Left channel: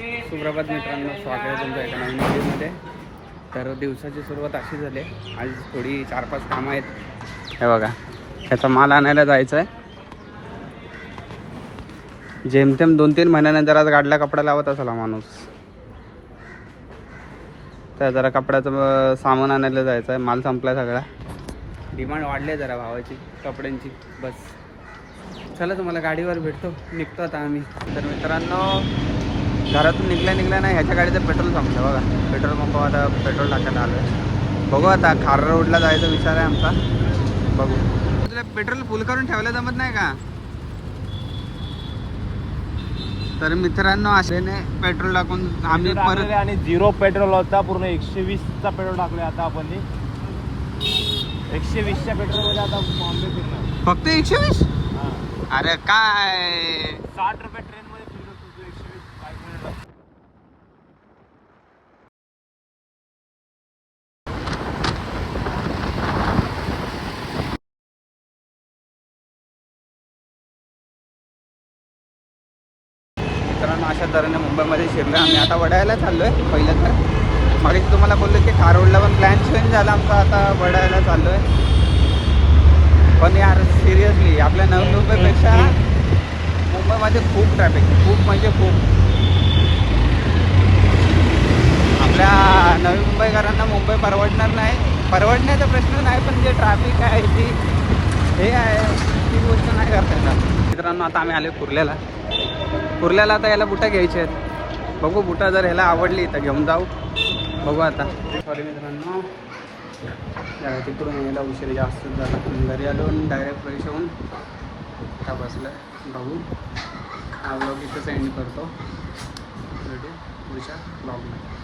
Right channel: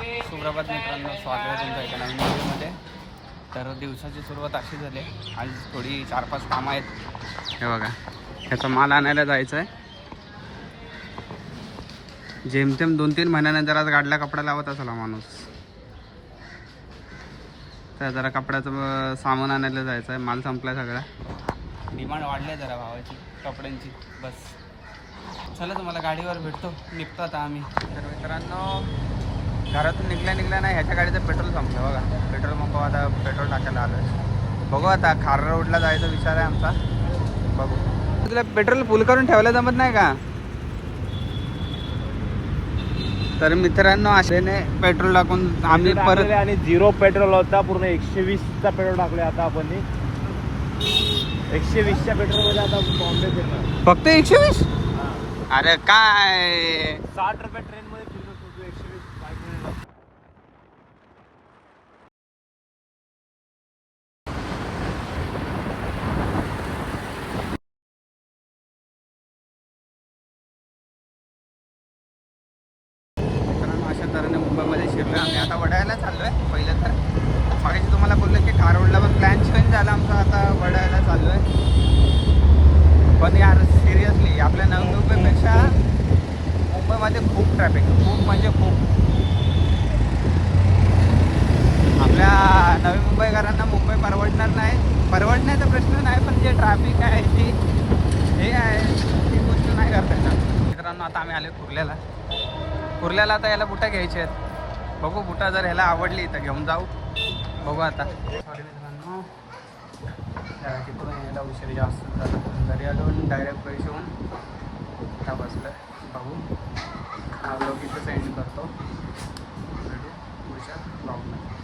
सुप्रभात मित्रांनो, स्वागत आहे तुमचं एका नवीन व्हिडिओमध्ये. तर दिवसाची सुरुवात अशी झाली. आज थोडी 4-5 कामं आहेत. हे बघा, ह्याचा माल आणायला जायचं आहे. जेमतेम 2-3 महिन्यानंतर आज गाडला कपडा लावत असाला माणूस. तर जरा कपड्याचं सामान आणायला जायचं आहे. माल संपला सगळा. डिमांड वाढली जरा भावाची कपड्यांची. बस चला, तुम्हाला गाडीवर भेटतो. निघतो आता आम्ही. तर मित्रांनो, घरातून निघल्या नाही, ह्याच्या गाडीचं पेट्रोल संपलं बघा. पेट्रोल पंप आता पेट्रोल टाकायला आलो आहे. बघू आता खार रोडला जायचा विचार आहे आमचा. बघू, तुला पेट्रोल फुल करून ठेवायला जमत नाही का? तर मित्रांनो, असेने पेट्रोल टाकून आम्ही परत आणि 0 पेट्रोल होता. पूर्ण 120चा पेट्रोल टाकले. आता आपण 120च्या पेट्रोलमध्ये आता बॉम्बे फिरणार. फक्त 120? अरे काय, 60 रुपये ट्रेनमध्ये फिरलो तुझं 120 मित्रांनो, अशा तऱ्हेने मुंबईमध्ये शिरलो. आम्ही आता वडाळ्याला चाललो आहे. पहिलं तर मागे तुम्हाला बोललो की खार रोडला पण प्लॅन चेंज झाला आमचा. आता वडाळ्याला चाललो आहे. पण यार सिरियसली आपल्या नवी मुंबईपेक्षा मुंबईमध्ये खूप ट्रॅफिक, खूप म्हणजे खूप. आपल्या नवी मुंबईकरांना मुंबई परवडणार नाही. परवडण्याचा प्रश्न नाही, पण जे ट्रॅफिक आहे ती हे आहे, ती गोष्ट नाही करता येणार. मित्रांनो, आता आम्ही आलो कुर्ल्याला. आता याला बुटा घ्यायचे आहेत. बघू, बुटा जर ह्याला आवडली तर घेऊन जाऊ. बघू आता. सॉरी मित्रांनो, तिकडून यायला उशीर जास्त झाला. घरी आलो आणि डायरेक्ट फ्रेश होऊन आता बसलं. बघू, हा ब्लॉग इथं सेंड करतो. भेटू पुढच्या ब्लॉगमध्ये.